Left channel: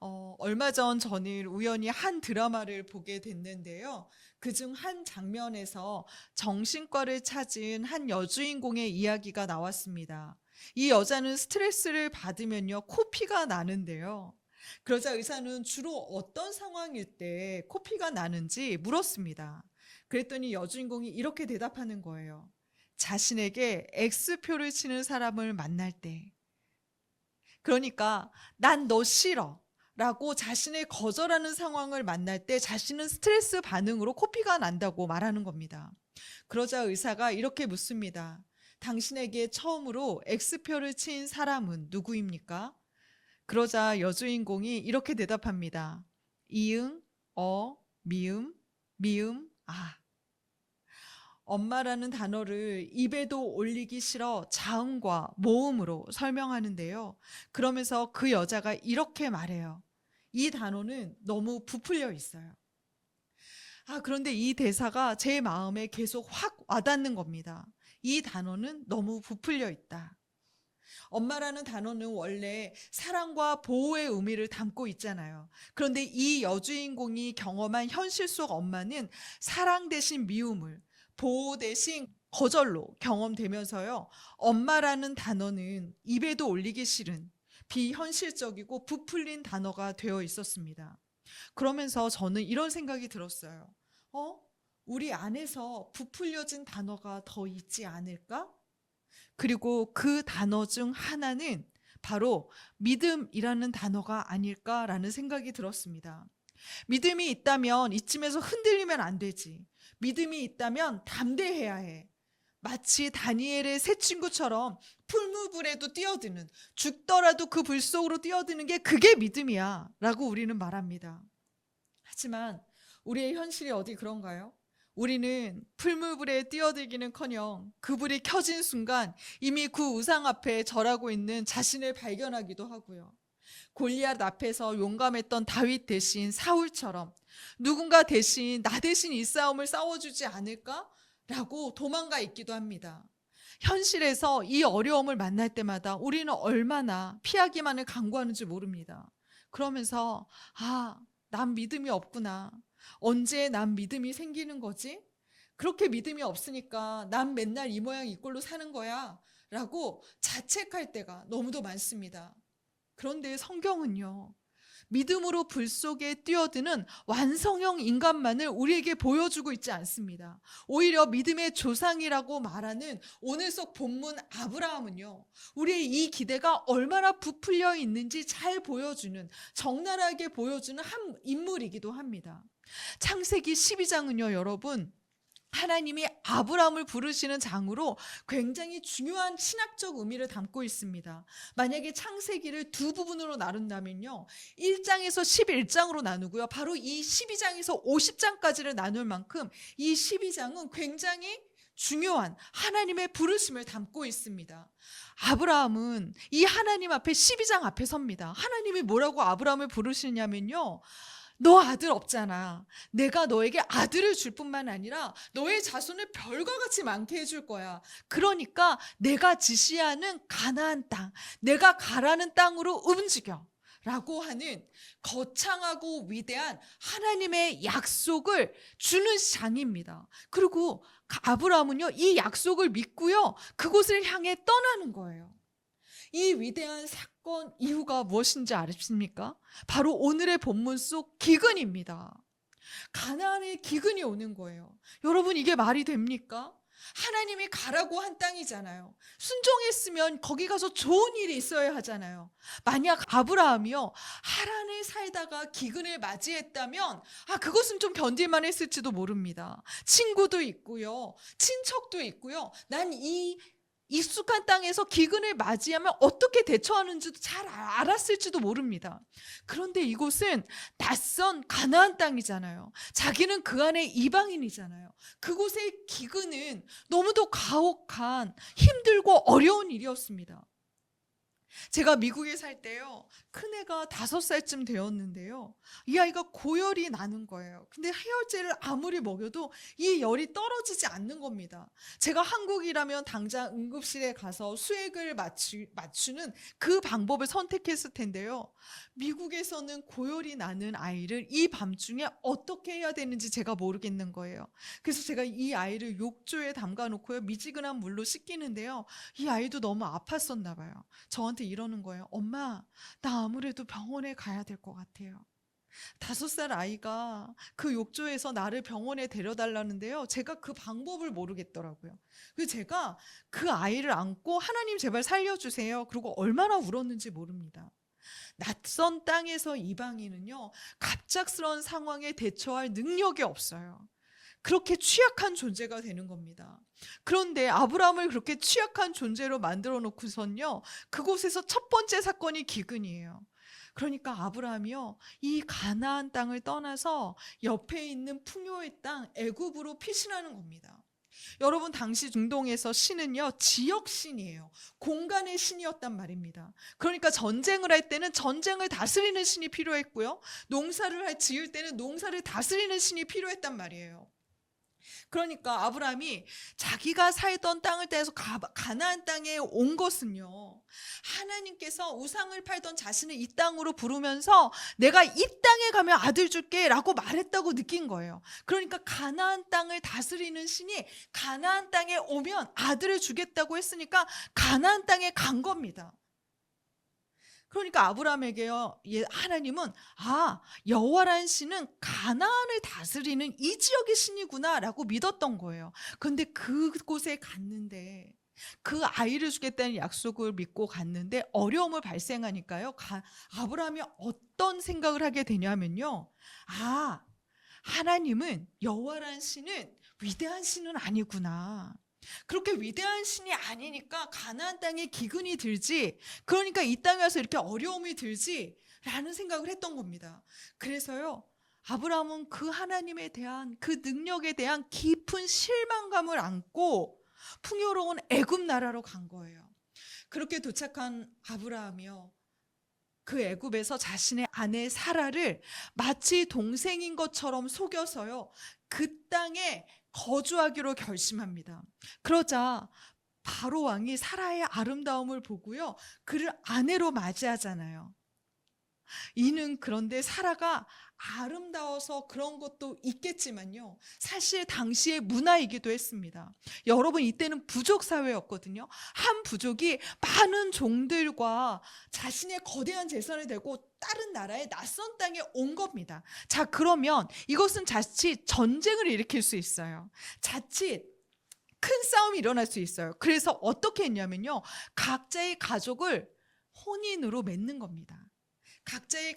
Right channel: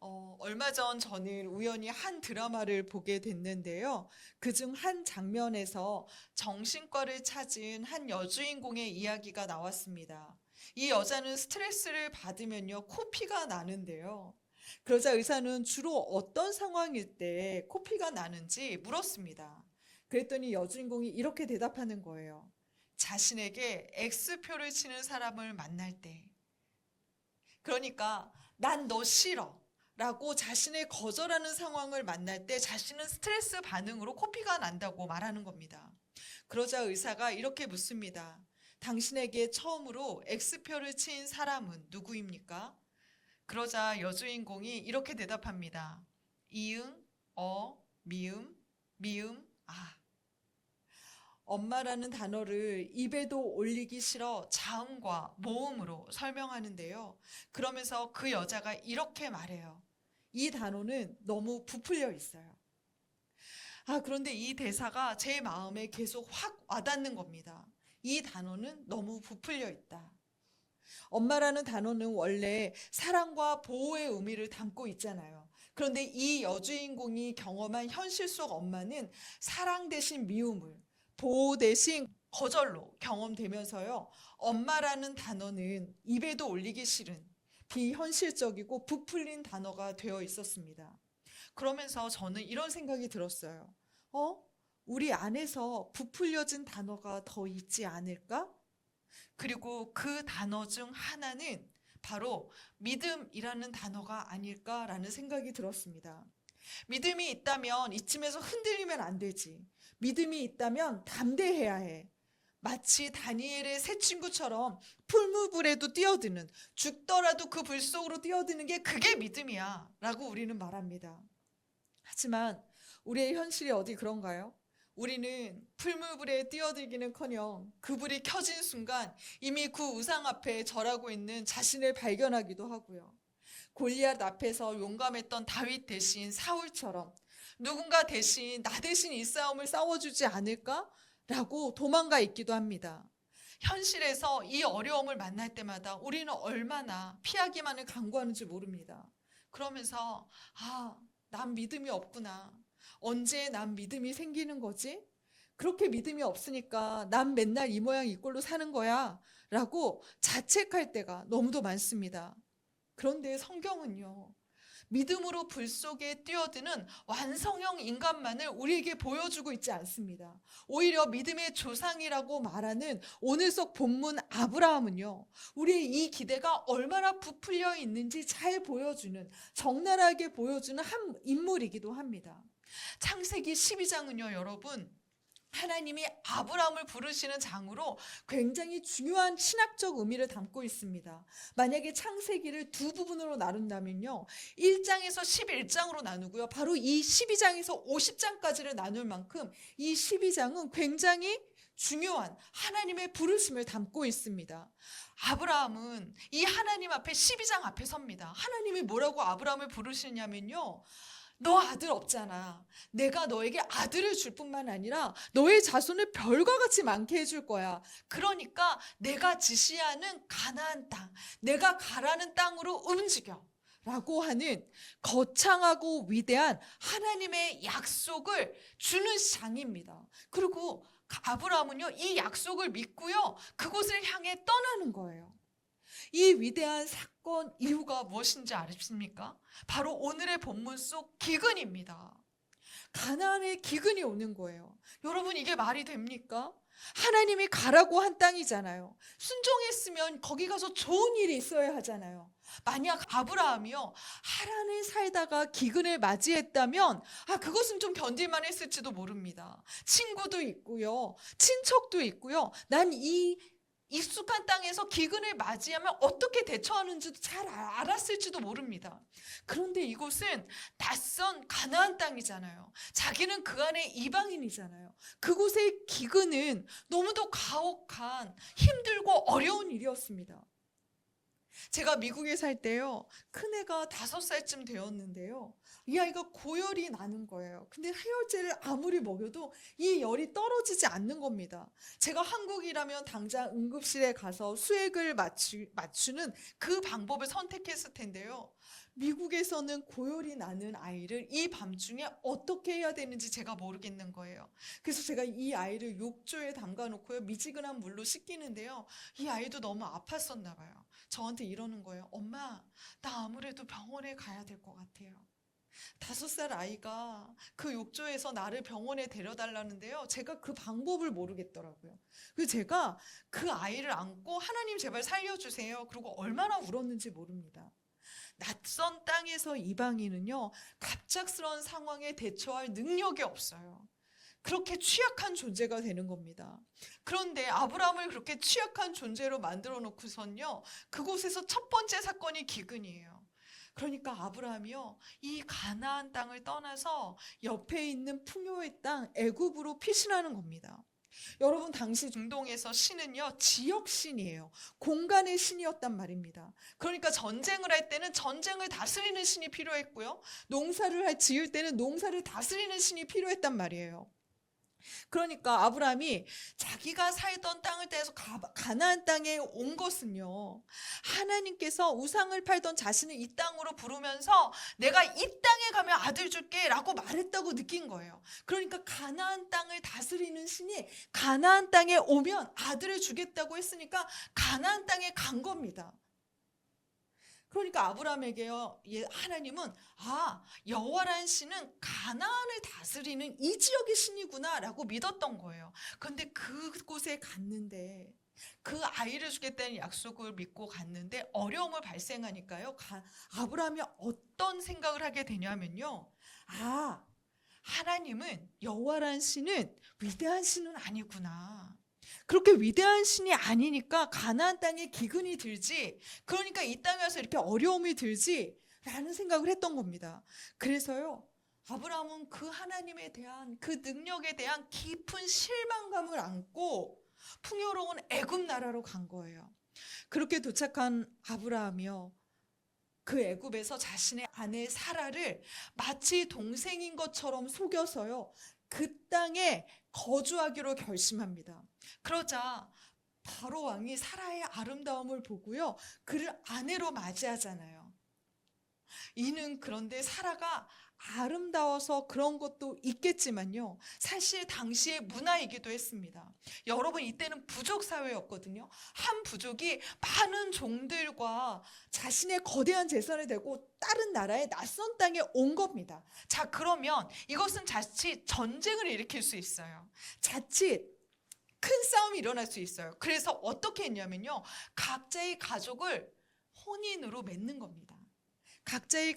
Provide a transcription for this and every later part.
얼마 전 저는 우연히 한 드라마를 보게 됐는데요. 그중 한 장면에서 정신과를 찾은 한 여주인공의 이야기가 나왔습니다. 이 여자는 스트레스를 받으면요, 코피가 나는데요. 그러자 의사는 주로 어떤 상황일 때 코피가 나는지 물었습니다. 그랬더니 여주인공이 이렇게 대답하는 거예요. 자신에게 X표를 치는 사람을 만날 때. 그러니까 난 너 싫어 라고 자신을 거절하는 상황을 만날 때 자신은 스트레스 반응으로 코피가 난다고 말하는 겁니다. 그러자 의사가 이렇게 묻습니다. 당신에게 처음으로 X표를 친 사람은 누구입니까? 그러자 여주인공이 이렇게 대답합니다. 이응, 미음, 미음, 아. 엄마라는 단어를 입에도 올리기 싫어 자음과 모음으로 설명하는데요. 그러면서 그 여자가 이렇게 말해요. 이 단어는 너무 부풀려 있어요. 그런데 이 대사가 제 마음에 계속 확 와닿는 겁니다. 이 단어는 너무 부풀려 있다. 엄마라는 단어는 원래 사랑과 보호의 의미를 담고 있잖아요. 그런데 이 여주인공이 경험한 현실 속 엄마는 사랑 대신 미움을, 보호 대신 거절로 경험되면서요. 엄마라는 단어는 입에도 올리기 싫은 비현실적이고 부풀린 단어가 되어 있었습니다. 그러면서 저는 이런 생각이 들었어요. 어? 우리 안에서 부풀려진 단어가 더 있지 않을까? 그리고 그 단어 중 하나는 바로 믿음이라는 단어가 아닐까라는 생각이 들었습니다. 믿음이 있다면 이쯤에서 흔들리면 안 되지. 믿음이 있다면 담대해야 해. 마치 다니엘의 세 친구처럼 풀무불에도 뛰어드는, 죽더라도 그 불 속으로 뛰어드는 게 그게 믿음이야 라고 우리는 말합니다. 하지만 우리의 현실이 어디 그런가요? 우리는 풀무불에 뛰어들기는커녕 그 불이 켜진 순간 이미 그 우상 앞에 절하고 있는 자신을 발견하기도 하고요. 골리앗 앞에서 용감했던 다윗 대신 사울처럼 누군가 대신 나 대신 이 싸움을 싸워주지 않을까? 라고 도망가 있기도 합니다. 현실에서 이 어려움을 만날 때마다 우리는 얼마나 피하기만을 강구하는지 모릅니다. 그러면서 난 믿음이 없구나. 언제 난 믿음이 생기는 거지? 그렇게 믿음이 없으니까 난 맨날 이 모양 이 꼴로 사는 거야 라고 자책할 때가 너무도 많습니다. 그런데 성경은요, 믿음으로 불 속에 뛰어드는 완성형 인간만을 우리에게 보여주고 있지 않습니다. 오히려 믿음의 조상이라고 말하는 오늘 속 본문 아브라함은요, 우리의 이 기대가 얼마나 부풀려 있는지 잘 보여주는, 적나라하게 보여주는 한 인물이기도 합니다. 창세기 12장은요, 여러분, 하나님이 아브라함을 부르시는 장으로 굉장히 중요한 신학적 의미를 담고 있습니다. 만약에 창세기를 두 부분으로 나눈다면요, 1장에서 11장으로 나누고요, 바로 이 12장에서 50장까지를 나눌 만큼 이 12장은 굉장히 중요한 하나님의 부르심을 담고 있습니다. 아브라함은 이 하나님 앞에 12장 앞에 섭니다. 하나님이 뭐라고 아브라함을 부르시냐면요, 너 아들 없잖아. 내가 너에게 아들을 줄 뿐만 아니라 너의 자손을 별과 같이 많게 해줄 거야. 그러니까 내가 지시하는 가나안 땅, 내가 가라는 땅으로 움직여. 라고 하는 거창하고 위대한 하나님의 약속을 주는 장입니다. 그리고 아브라함은요, 이 약속을 믿고요, 그곳을 향해 떠나는 거예요. 이 위대한 사건 이유가 무엇인지 아십니까? 바로 오늘의 본문 속 기근입니다. 가나안에 기근이 오는 거예요. 여러분, 이게 말이 됩니까? 하나님이 가라고 한 땅이잖아요. 순종했으면 거기 가서 좋은 일이 있어야 하잖아요. 만약 아브라함이요, 하란에 살다가 기근을 맞이했다면 그것은 좀 견딜만 했을지도 모릅니다. 친구도 있고요, 친척도 있고요. 난 이 익숙한 땅에서 기근을 맞이하면 어떻게 대처하는지도 잘 알았을지도 모릅니다. 그런데 이곳은 낯선 가나안 땅이잖아요. 자기는 그 안에 이방인이잖아요. 그곳의 기근은 너무도 가혹한 힘들고 어려운 일이었습니다. 제가 미국에 살 때요, 큰애가 5살쯤 되었는데요, 이 아이가 고열이 나는 거예요. 근데 해열제를 아무리 먹여도 이 열이 떨어지지 않는 겁니다. 제가 한국이라면 당장 응급실에 가서 수액을 맞추는 그 방법을 선택했을 텐데요. 미국에서는 고열이 나는 아이를 이 밤중에 어떻게 해야 되는지 제가 모르겠는 거예요. 그래서 제가 이 아이를 욕조에 담가 놓고요. 미지근한 물로 씻기는데요. 이 아이도 너무 아팠었나 봐요. 저한테 이러는 거예요. 엄마, 나 아무래도 병원에 가야 될 것 같아요. 5살 아이가 그 욕조에서 나를 병원에 데려달라는데요. 제가 그 방법을 모르겠더라고요. 그래서 제가 그 아이를 안고 하나님 제발 살려주세요. 그리고 얼마나 울었는지 모릅니다. 낯선 땅에서 이방인은요, 갑작스러운 상황에 대처할 능력이 없어요. 그렇게 취약한 존재가 되는 겁니다. 그런데 아브라함을 그렇게 취약한 존재로 만들어 놓고선요, 그곳에서 첫 번째 사건이 기근이에요. 그러니까 아브라함이요, 이 가나안 땅을 떠나서 옆에 있는 풍요의 땅 애굽으로 피신하는 겁니다. 여러분, 당시 중동에서 신은요, 지역 신이에요. 공간의 신이었단 말입니다. 그러니까 전쟁을 할 때는 전쟁을 다스리는 신이 필요했고요, 농사를 지을 때는 농사를 다스리는 신이 필요했단 말이에요. 그러니까 아브라함이 자기가 살던 땅을 떼서 가나안 땅에 온 것은요, 하나님께서 우상을 팔던 자신을 이 땅으로 부르면서 내가 이 땅에 가면 아들 줄게 라고 말했다고 느낀 거예요. 그러니까 가나안 땅을 다스리는 신이 가나안 땅에 오면 아들을 주겠다고 했으니까 가나안 땅에 간 겁니다. 그러니까 아브라함에게요, 하나님은 여호와라는 신은 가나안을 다스리는 이 지역의 신이구나라고 믿었던 거예요. 그런데 그곳에 갔는데, 그 아이를 주겠다는 약속을 믿고 갔는데 어려움을 발생하니까요, 아브라함이 어떤 생각을 하게 되냐면요, 하나님은, 여호와라는 신은 위대한 신은 아니구나. 그렇게 위대한 신이 아니니까 가나안 땅에 기근이 들지, 그러니까 이 땅에 와서 이렇게 어려움이 들지 라는 생각을 했던 겁니다. 그래서요, 아브라함은 그 하나님에 대한, 그 능력에 대한 깊은 실망감을 안고 풍요로운 애굽 나라로 간 거예요. 그렇게 도착한 아브라함이요, 그 애굽에서 자신의 아내 사라를 마치 동생인 것처럼 속여서요, 그 땅에 거주하기로 결심합니다. 그러자 바로 왕이 사라의 아름다움을 보고요, 그를 아내로 맞이하잖아요. 이는 그런데 사라가 아름다워서 그런 것도 있겠지만요, 사실 당시의 문화이기도 했습니다. 여러분, 이때는 부족 사회였거든요. 한 부족이 많은 종들과 자신의 거대한 재산을 들고 다른 나라의 낯선 땅에 온 겁니다. 자, 그러면 이것은 자칫 전쟁을 일으킬 수 있어요. 자칫 큰 싸움이 일어날 수 있어요. 그래서 어떻게 했냐면요, 각자의 가족을 혼인으로 맺는 겁니다. 각자의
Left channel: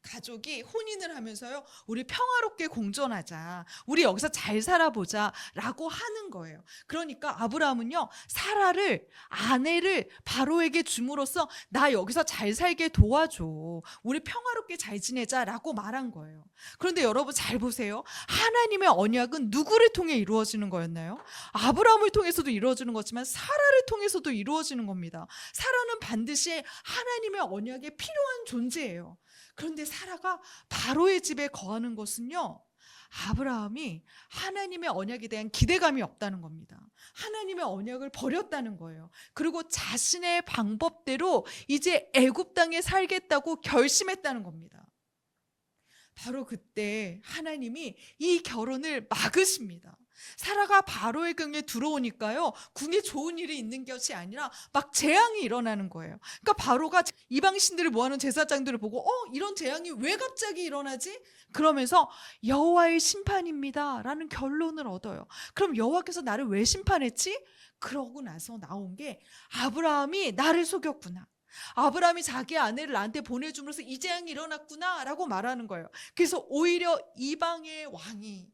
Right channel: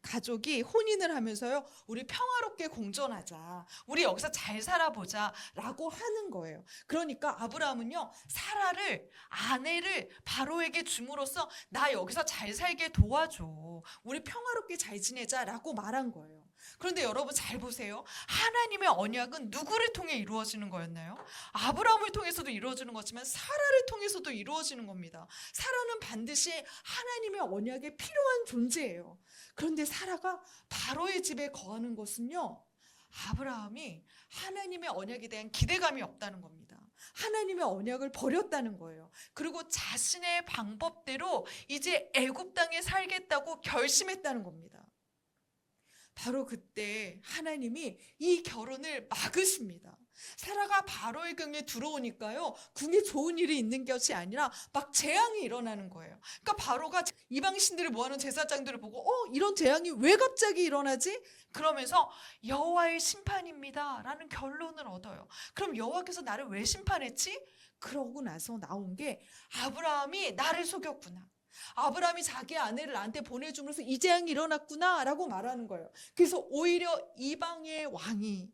가족이 혼인을 하면서요, 우리 평화롭게 공존하자, 우리 여기서 잘 살아보자 라고 하는 거예요. 그러니까 아브라함은요, 사라를, 아내를 바로에게 줌으로써 나 여기서 잘 살게 도와줘, 우리 평화롭게 잘 지내자 라고 말한 거예요. 그런데 여러분 잘 보세요. 하나님의 언약은 누구를 통해 이루어지는 거였나요? 아브라함을 통해서도 이루어지는 거지만 사라를 통해서도 이루어지는 겁니다. 사라는 반드시 하나님의 언약에 필요한 존재예요. 그런데 사라가 바로의 집에 거하는 것은요, 아브라함이 하나님의 언약에 대한 기대감이 없다는 겁니다. 하나님의 언약을 버렸다는 거예요. 그리고 자신의 방법대로 이제 애굽 땅에 살겠다고 결심했다는 겁니다. 바로 그때 하나님이 이 결혼을 막으십니다. 사라가 바로의 궁에 들어오니까요, 궁에 좋은 일이 있는 것이 아니라 막 재앙이 일어나는 거예요. 그러니까 바로가 이방 신들을 모아놓은 제사장들을 보고 이런 재앙이 왜 갑자기 일어나지? 그러면서 여호와의 심판입니다 라는 결론을 얻어요. 그럼 여호와께서 나를 왜 심판했지? 그러고 나서 나온 게, 아브라함이 나를 속였구나, 아브라함이 자기 아내를 나한테 보내줌으로써 이 재앙이 일어났구나 라고 말하는 거예요. 그래서 오히려 이방의 왕이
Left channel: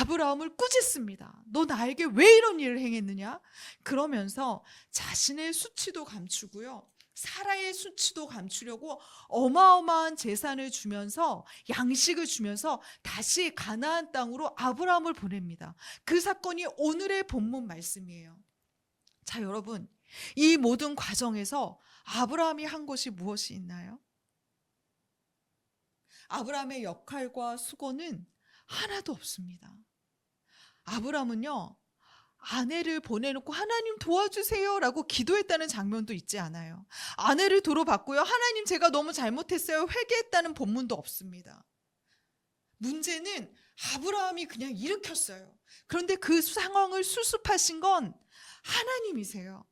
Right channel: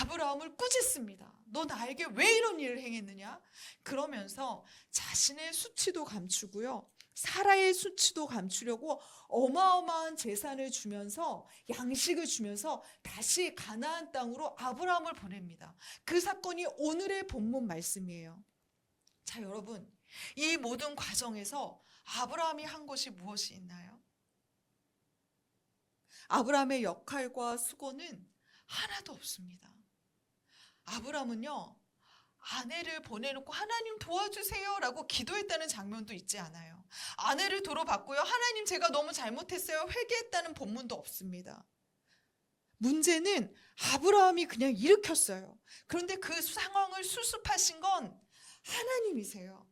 아브라함을 꾸짖습니다. 너 나에게 왜 이런 일을 행했느냐? 그러면서 자신의 수치도 감추고요, 사라의 수치도 감추려고 어마어마한 재산을 주면서, 양식을 주면서 다시 가나안 땅으로 아브라함을 보냅니다. 그 사건이 오늘의 본문 말씀이에요. 자, 여러분, 이 모든 과정에서 아브라함이 한 것이 무엇이 있나요? 아브라함의 역할과 수고는 하나도 없습니다. 아브라함은요, 아내를 보내놓고 하나님 도와주세요라고 기도했다는 장면도 있지 않아요. 아내를 도로 받고요, 하나님 제가 너무 잘못했어요, 회개했다는 본문도 없습니다. 문제는 아브라함이 그냥 일으켰어요. 그런데 그 상황을 수습하신 건 하나님이세요.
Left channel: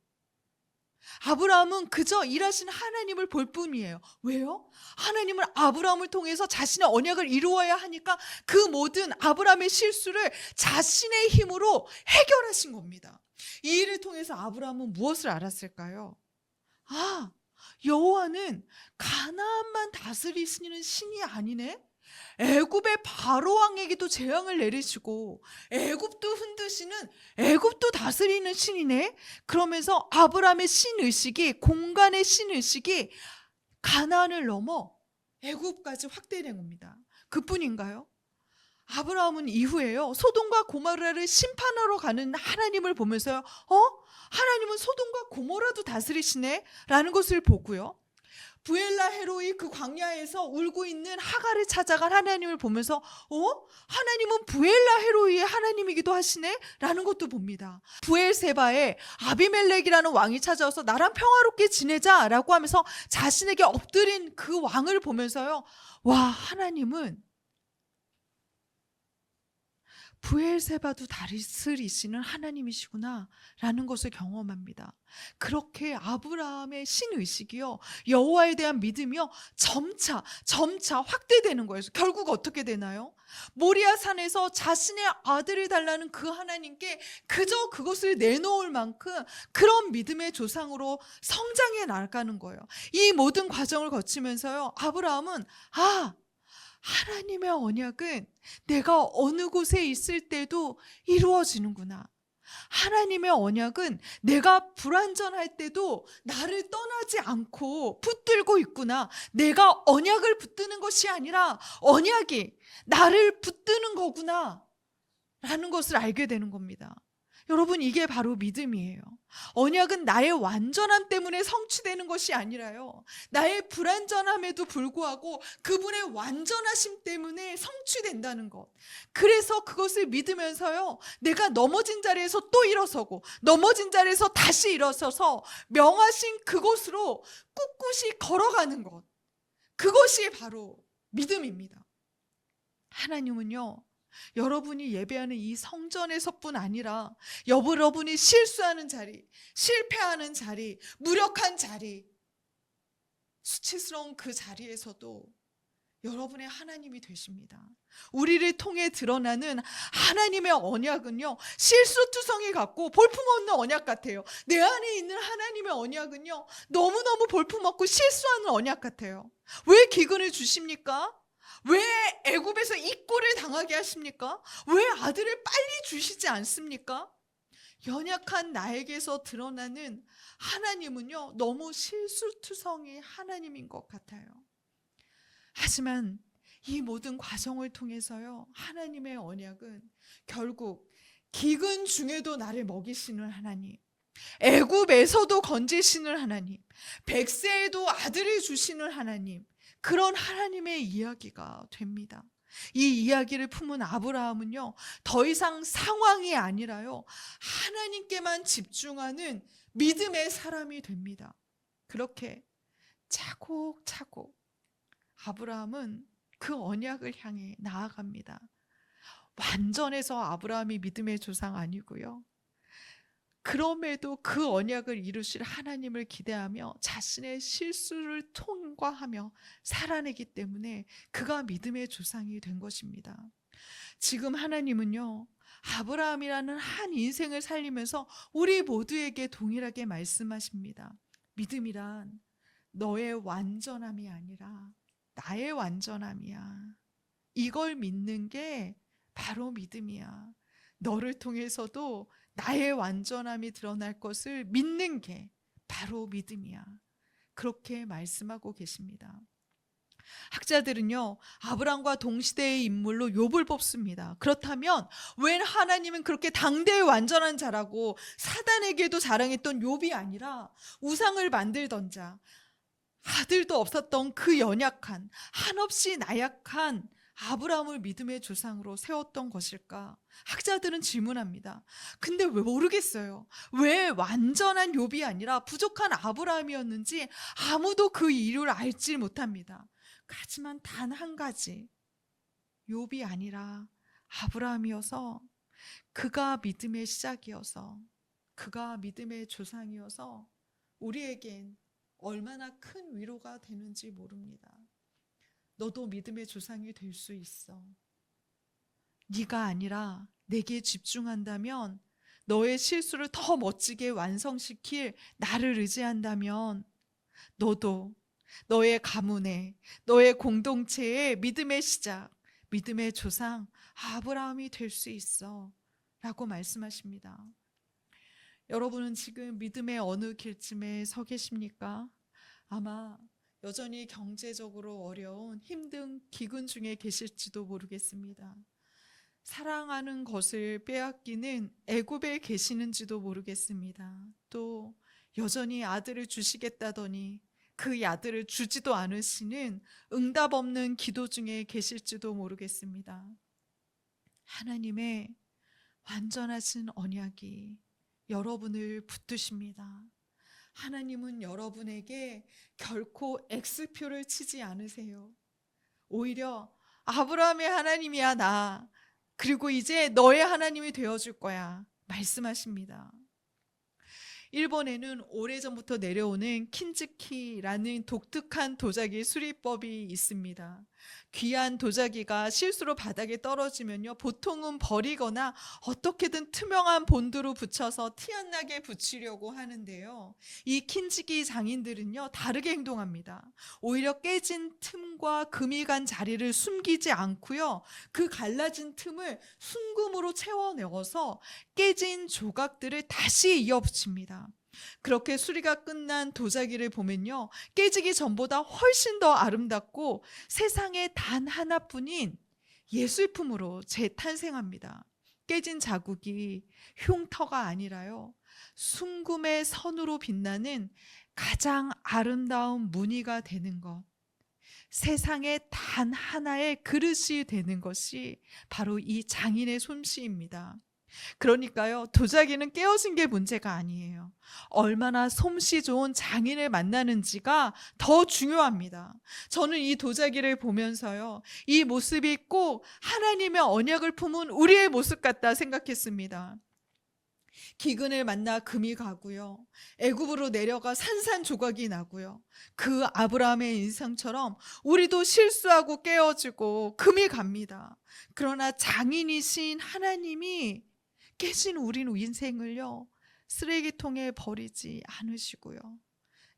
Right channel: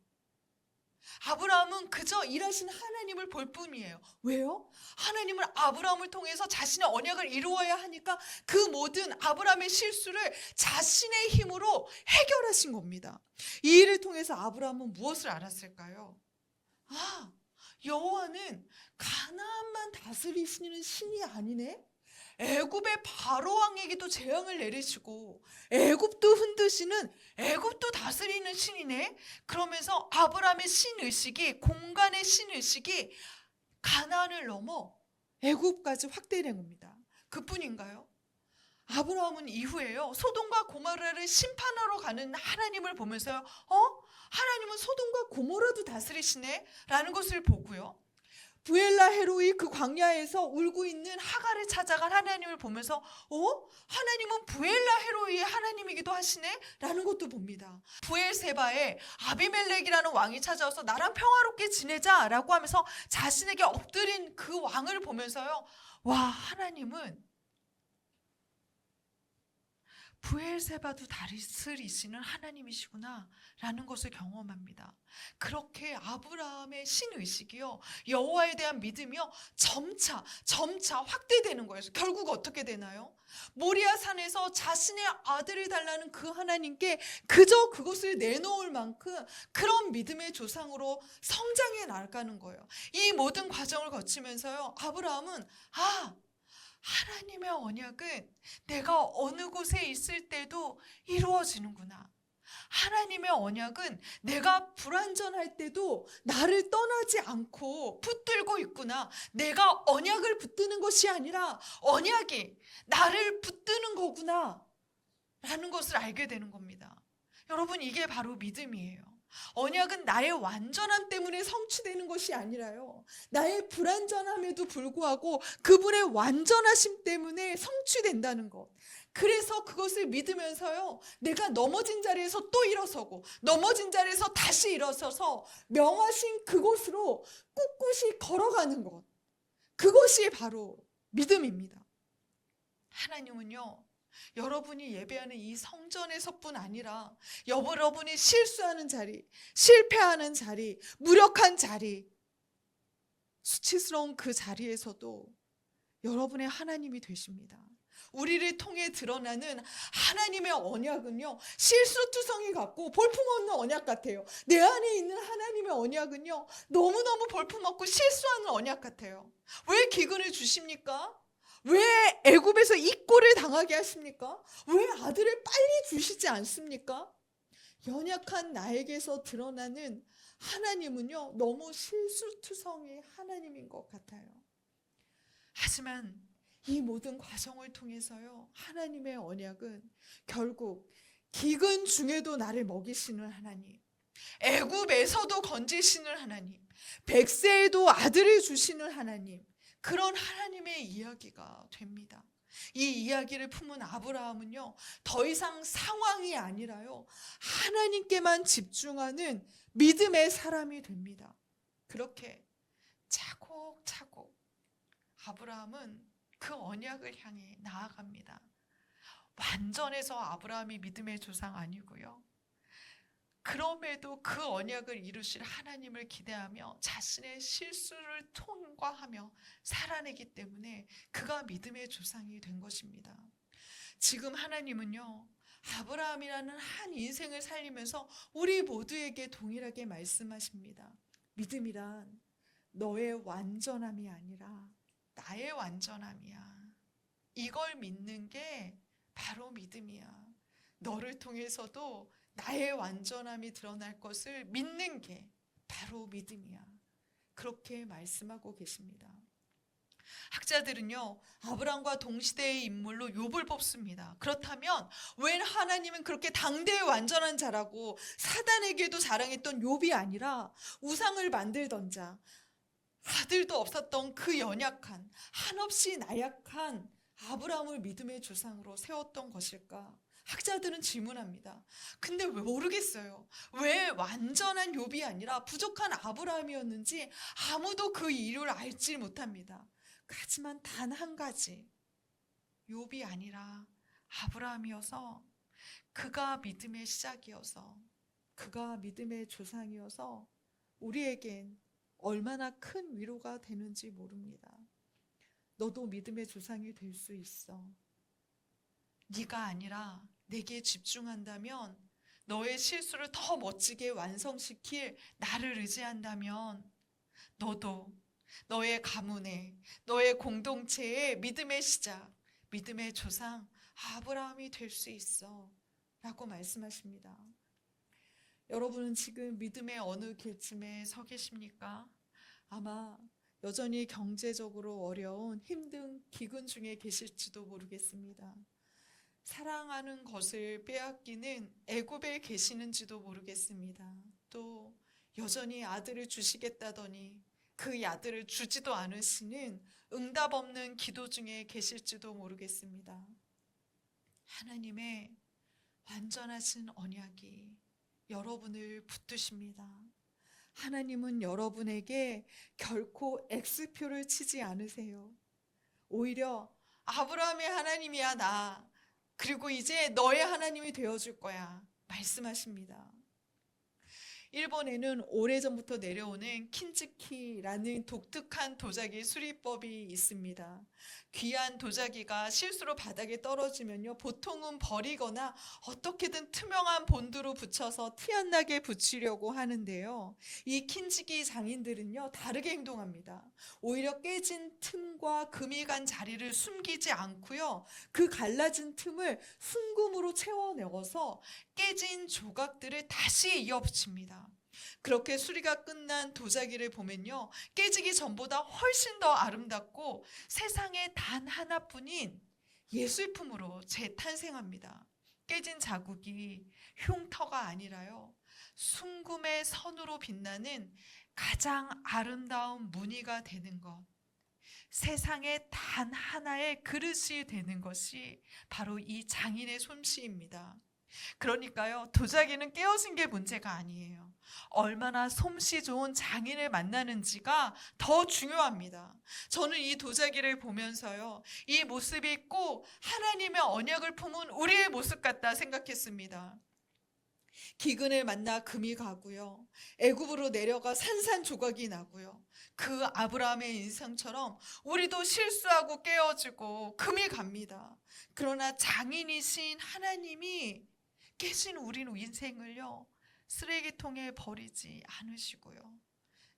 아브라함은 그저 일하신 하나님을 볼 뿐이에요. 왜요? 하나님은 아브라함을 통해서 자신의 언약을 이루어야 하니까 그 모든 아브라함의 실수를 자신의 힘으로 해결하신 겁니다. 이 일을 통해서 아브라함은 무엇을 알았을까요? 아, 여호와는 가나안만 다스리시는 신이 아니네? 애굽의 바로 왕에게도 재앙을 내리시고 애굽도 흔드시는, 애굽도 다스리는 신이네. 그러면서 아브라함의 신의식이, 공간의 신의식이 가나안을 넘어 애굽까지 확대된 겁니다. 그뿐인가요? 아브라함은 이후에요, 소돔과 고모라를 심판하러 가는 하나님을 보면서요, 하나님은 소돔과 고모라도 다스리시네 라는 것을 보고요, 부엘라 헤로이 그 광야에서 울고 있는 하갈을 찾아간 하나님을 보면서 하나님은 부엘라 헤로이의 하나님이기도 하시네 라는 것도 봅니다. 부엘세바에 아비멜렉이라는 왕이 찾아와서 나랑 평화롭게 지내자라고 하면서 자신에게 엎드린 그 왕을 보면서요, 와, 하나님은 부엘세바도 다스리시는 하나님이시구나 라는 것을 경험합니다. 그렇게 아브라함의 신의식이요, 여호와에 대한 믿음이요, 점차 확대되는 거예요. 결국 어떻게 되나요? 모리아 산에서 자신의 아들을 달라는 그 하나님께 그저 그것을 내놓을 만큼 그런 믿음의 조상으로 성장해 나가는 거예요. 이 모든 과정을 거치면서요, 아브라함은 하나님의 언약은 내가 어느 곳에 있을 때도 이루어지는구나. 하나님의 언약은 내가 불완전할 때도 나를 떠나지 않고 붙들고 있구나. 내가 언약을 붙드는 것이 아니라 언약이 나를 붙드는 거구나 라는 것을 알게 되는 겁니다. 여러분, 이게 바로 믿음이에요. 언약은 나의 완전함 때문에 성취되는 것이 아니라요, 나의 불완전함에도 불구하고 그분의 완전하심 때문에 성취된다는 것. 그래서 그것을 믿으면서요, 내가 넘어진 자리에서 또 일어서고 넘어진 자리에서 다시 일어서서 명하신 그곳으로 꿋꿋이 걸어가는 것, 그것이 바로 믿음입니다. 하나님은요, 여러분이 예배하는 이 성전에서뿐 아니라 여러분이 실수하는 자리, 실패하는 자리, 무력한 자리, 수치스러운 그 자리에서도 여러분의 하나님이 되십니다. 우리를 통해 드러나는 하나님의 언약은요, 실수투성이 같고 볼품없는 언약 같아요. 내 안에 있는 하나님의 언약은요, 너무너무 볼품없고 실수하는 언약 같아요. 왜 기근을 주십니까? 왜 애굽에서 이 꼴을 당하게 하십니까? 왜 아들을 빨리 주시지 않습니까? 연약한 나에게서 드러나는 하나님은요, 너무 실수투성이 하나님인 것 같아요. 하지만 이 모든 과정을 통해서요, 하나님의 언약은 결국 기근 중에도 나를 먹이시는 하나님, 애굽에서도 건지시는 하나님, 백세에도 아들을 주시는 하나님, 그런 하나님의 이야기가 됩니다. 이 이야기를 품은 아브라함은요, 더 이상 상황이 아니라요, 하나님께만 집중하는 믿음의 사람이 됩니다. 그렇게 차곡차곡 아브라함은 그 언약을 향해 나아갑니다. 완전해서 아브라함이 믿음의 조상 아니고요, 그럼에도 그 언약을 이루실 하나님을 기대하며 자신의 실수를 통과하며 살아내기 때문에 그가 믿음의 조상이 된 것입니다. 지금 하나님은요, 아브라함이라는 한 인생을 살리면서 우리 모두에게 동일하게 말씀하십니다. 믿음이란 너의 완전함이 아니라 나의 완전함이야. 이걸 믿는 게 바로 믿음이야. 너를 통해서도 나의 완전함이 드러날 것을 믿는 게 바로 믿음이야. 그렇게 말씀하고 계십니다. 학자들은요, 아브라함과 동시대의 인물로 욥을 뽑습니다. 그렇다면 왜 하나님은 그렇게 당대의 완전한 자라고 사단에게도 자랑했던 욥이 아니라 우상을 만들던 자, 아들도 없었던 그 연약한, 한없이 나약한 아브라함을 믿음의 조상으로 세웠던 것일까? 학자들은 질문합니다. 근데 왜 모르겠어요. 왜 완전한 욥이 아니라 부족한 아브라함이었는지 아무도 그 이유를 알지 못합니다. 하지만 단 한 가지, 욥이 아니라 아브라함이어서, 그가 믿음의 시작이어서, 그가 믿음의 조상이어서 우리에겐 얼마나 큰 위로가 되는지 모릅니다. 너도 믿음의 조상이 될 수 있어. 네가 아니라 내게 집중한다면, 너의 실수를 더 멋지게 완성시킬 나를 의지한다면, 너도 너의 가문에, 너의 공동체의 믿음의 시작, 믿음의 조상 아브라함이 될 수 있어 라고 말씀하십니다. 여러분은 지금 믿음의 어느 길쯤에 서 계십니까? 아마 여전히 경제적으로 어려운 힘든 기근 중에 계실지도 모르겠습니다. 사랑하는 것을 빼앗기는 애굽에 계시는지도 모르겠습니다. 또 여전히 아들을 주시겠다더니 그 아들을 주지도 않으시는 응답 없는 기도 중에 계실지도 모르겠습니다. 하나님의 완전하신 언약이 여러분을 붙드십니다. 하나님은 여러분에게 결코 X표를 치지 않으세요. 오히려 아브라함의 하나님이야 나, 그리고 이제 너의 하나님이 되어줄 거야 말씀하십니다. 일본에는 오래전부터 내려오는 킨즈키라는 독특한 도자기 수리법이 있습니다. 귀한 도자기가 실수로 바닥에 떨어지면요, 보통은 버리거나 어떻게든 투명한 본드로 붙여서 티 안 나게 붙이려고 하는데요, 이 킨즈기 장인들은요 다르게 행동합니다. 오히려 깨진 틈과 금이 간 자리를 숨기지 않고요, 그 갈라진 틈을 순금으로 채워 넣어서 깨진 조각들을 다시 이어 붙입니다. 그렇게 수리가 끝난 도자기를 보면요, 깨지기 전보다 훨씬 더 아름답고 세상에 단 하나뿐인 예술품으로 재탄생합니다. 깨진 자국이 흉터가 아니라요, 순금의 선으로 빛나는 가장 아름다운 무늬가 되는 것, 세상에 단 하나의 그릇이 되는 것이 바로 이 장인의 솜씨입니다. 그러니까요, 도자기는 깨어진 게 문제가 아니에요. 얼마나 솜씨 좋은 장인을 만나는지가 더 중요합니다. 저는 이 도자기를 보면서요, 이 모습이 꼭 하나님의 언약을 품은 우리의 모습 같다 생각했습니다. 기근을 만나 금이 가고요, 애굽으로 내려가 산산조각이 나고요, 그 아브라함의 인생처럼 우리도 실수하고 깨어지고 금이 갑니다. 그러나 장인이신 하나님이 깨진 우리 인생을요, 쓰레기통에 버리지 않으시고요,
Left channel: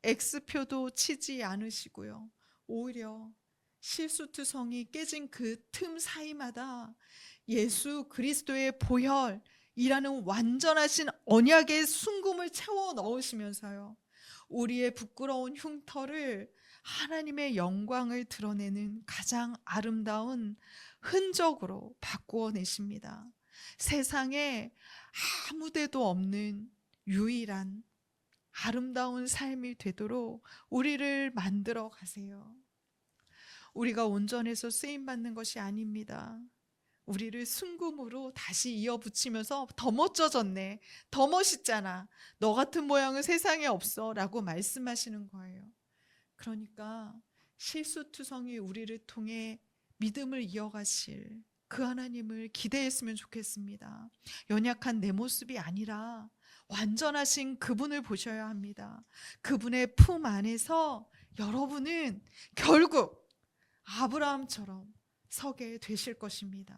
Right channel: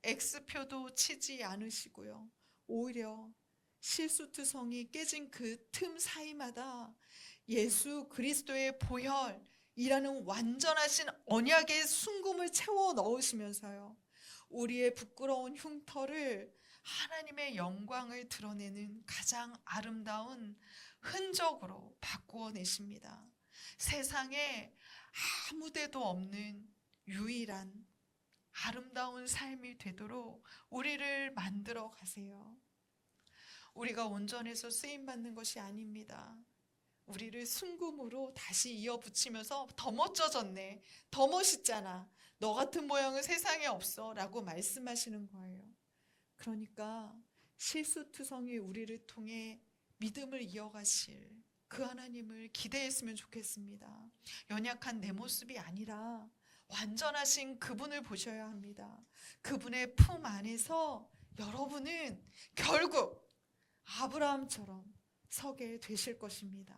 X표도 치지 않으시고요, 오히려 실수투성이 깨진 그 틈 사이마다 예수 그리스도의 보혈이라는 완전하신 언약의 순금을 채워 넣으시면서요, 우리의 부끄러운 흉터를 하나님의 영광을 드러내는 가장 아름다운 흔적으로 바꾸어 내십니다. 세상에 아무데도 없는 유일한 아름다운 삶이 되도록 우리를 만들어 가세요. 우리가 온전해서 쓰임받는 것이 아닙니다. 우리를 순금으로 다시 이어붙이면서 더 멋져졌네, 더 멋있잖아, 너 같은 모양은 세상에 없어 라고 말씀하시는 거예요. 그러니까 실수투성이 우리를 통해 믿음을 이어가실 그 하나님을 기대했으면 좋겠습니다. 연약한 내 모습이 아니라 완전하신 그분을 보셔야 합니다. 그분의 품 안에서 여러분은 결국 아브라함처럼 서게 되실 것입니다.